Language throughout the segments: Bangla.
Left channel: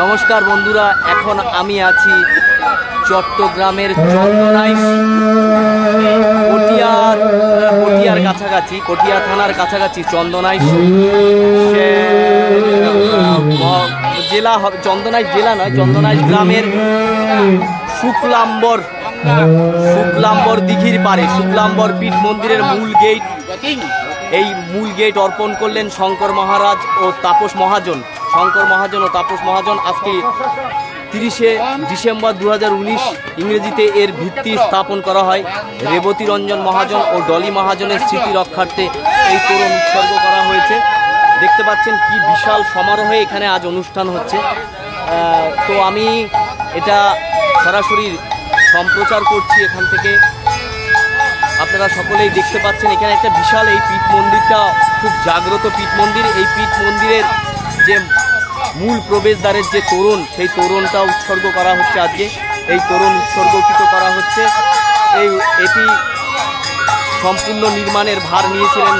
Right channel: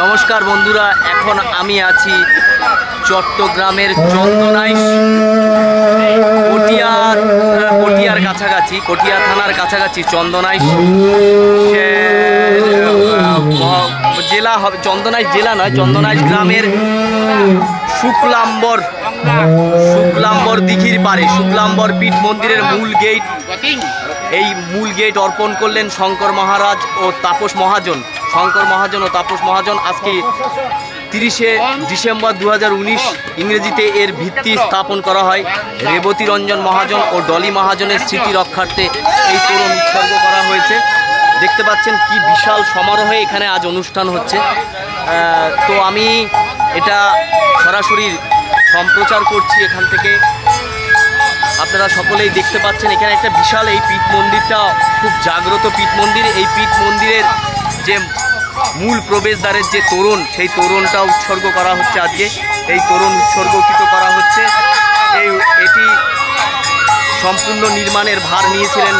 নমস্কার বন্ধুরা, এখন আমি আছি চট্টগ্রামের চন্দনাইশ পটিয়ার কাছাকাছি, পটিয়া থানার কাছাকাছি চন্দনাইশ জেলা হবে, চন্দনাইশ জেলা নয়, চন্দনাইশ গ্রামের শুক্লাম্বর দিঘির পারে শুক্লাম্বর পীঠ মন্দিরের মূল গেট। এই মূল গেট অর্পণ করলেন শঙ্কর মহারাজ ও তাপস মহাজন। আজকে 30শে ডিসেম্বর 2019 ইংরেজিতে এর ভিত্তি স্থাপন করা হয়। রেবতী রঞ্জন মহাজন ও ডলি মহাজনের স্মৃতি রক্ষার্থে এই তোরণ উৎসর্গ করা হয়েছে। দেখতে পাচ্ছেন কি বিশাল সমারোহে এখানে আজ অনুষ্ঠান হচ্ছে। তো আমি এটা সরাসরি সম্প্রচার করছি এখান থেকে, আপনারা সকলেই দেখতে পাচ্ছেন। এখানে একটা বিশাল, এই পীঠ মন্দিরটা খুব জাগ্রত পীঠ মন্দির। এই পীঠ মন্দিরের যে মূল প্রবেশদ্বারের যে তোরণ, সেই তোরণটা উৎসর্গ করা হচ্ছে আজকে। এই তোরণ উৎসর্গকৃত করা হচ্ছে। এটি সম্পূর্ণ নির্মাণের ভার নিয়েছিলেন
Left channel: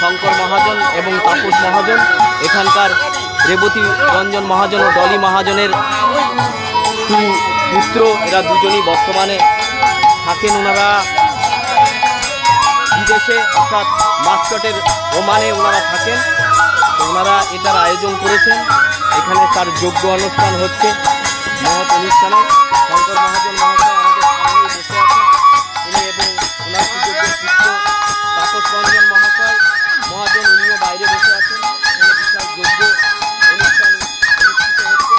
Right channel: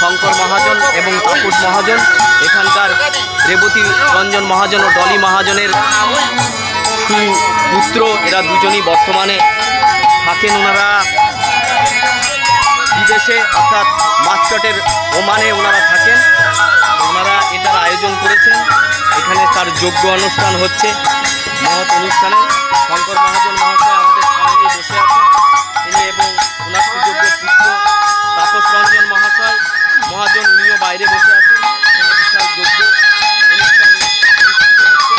শঙ্কর মহাজন এবং তাপস মহাজন। এখানকার রেবতী রঞ্জন মহাজন ও ডলি মহাজনের পুত্র, এরা দুজনই বর্তমানে থাকেন ওনারা বিদেশে, অর্থাৎ মাস্কটের ওমানে ওনারা থাকেন। ওনারা এটার আয়োজন করেছেন। এখানে তার যজ্ঞ অনুষ্ঠান হচ্ছে, মহৎ অনুষ্ঠানে। শঙ্কর মহাজন মহাশয় আমাদের সামনেই বসে আছেন, তিনি এবং ওনার সুযোগ্য পুত্র তাপস রঞ্জন মহাজন উনিও বাইরে বসে আছেন। এখানে বিশাল যজ্ঞ অনুষ্ঠান অনুষ্ঠিত হচ্ছে।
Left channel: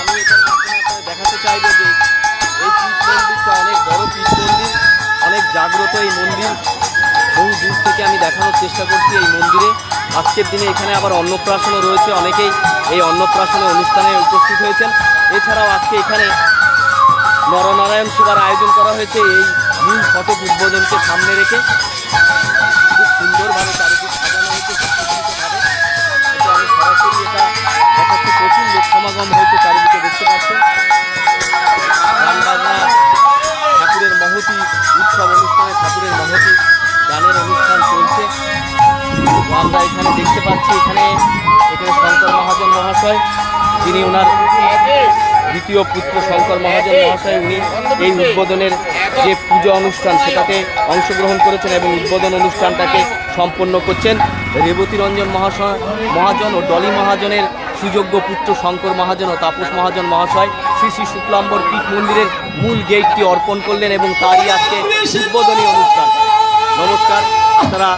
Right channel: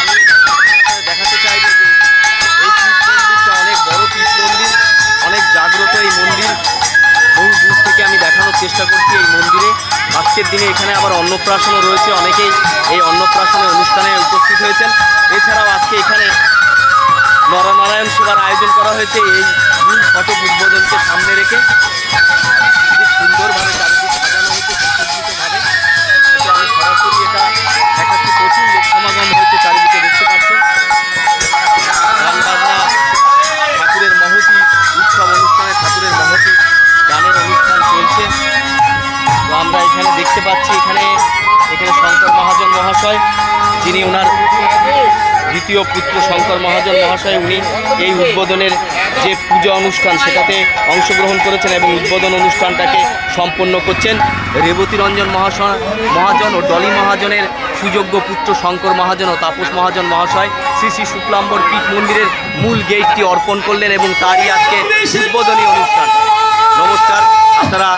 আমি এটার মাধ্যমে আপনাদের দেখাতে চাইব যে এই পীঠ মন্দিরটা অনেক বড় পীঠ মন্দির, অনেক জাগ্রত এই মন্দির। বহু দূর থেকে আমি দেখানোর চেষ্টা করছি এই মন্দিরে। আজকের দিনে এখানে আবার অন্নপ্রাশনও রয়েছে, অনেকেই এই অন্নপ্রাশনের অনুষ্ঠানে উপস্থিত হয়েছেন। এছাড়াও আজকে এখানে নরনারায়ণ সেবার আয়োজন করা হয়েছে। এই মূল ফটক উদ্বোধনকে সামনে রেখে খুব সুন্দরভাবে চারিদিক সাজানো হয়েছে, সুসজ্জিতভাবে। তো আমি সরাসরি এটা দেখাচ্ছি। প্রচুর লোক সমাগম হয়েছে চারিদিকে, দেখতে পাচ্ছেন। গান বাজনা, ঠাকুরের মহতি উৎসব অনুষ্ঠানে ঠাকুরের মহতি গানের অনুষ্ঠান চলছে। তো আমরা এখানে দেখতে পাচ্ছি, এখানে শঙ্কর মহাজন মহাশয়, যিনি ওনার দ্বিতীয় পুত্র শঙ্কর মহাজন মহাশয়, উনি এই উদ্বোধনের যে পূজা অনুষ্ঠান সেটাতে অংশগ্রহণ করেছেন এবং উদ্বোধন অনুষ্ঠানটাকে সম্পন্ন করছেন। রেবতী রঞ্জন মহাজন ও ডলি মহাজনের সুযোগ্য পুত্র শঙ্কর মহাজন ও তাপস মহাজন মহাশয় শ্রী শ্রী শুক্লাম্বর পীঠ মন্দিরের মূল গেটটি অর্পণ করলেন এবং তারই আজকে উদ্বোধনী অনুষ্ঠান। নমস্কার, আপনারা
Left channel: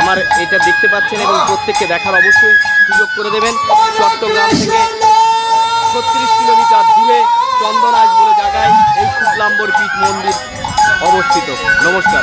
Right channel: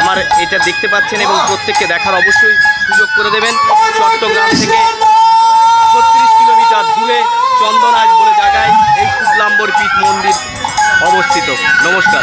আমার এটা দেখতে পাচ্ছেন এবং প্রত্যেককে দেখার অবশ্যই সুযোগ করে দেবেন। চট্টগ্রাম থেকে 36 কিলোমিটার দূরে চন্দনাইশ বলে জায়গায় এই শুক্লাম্বর পীঠ মন্দির অবস্থিত। নমস্কার।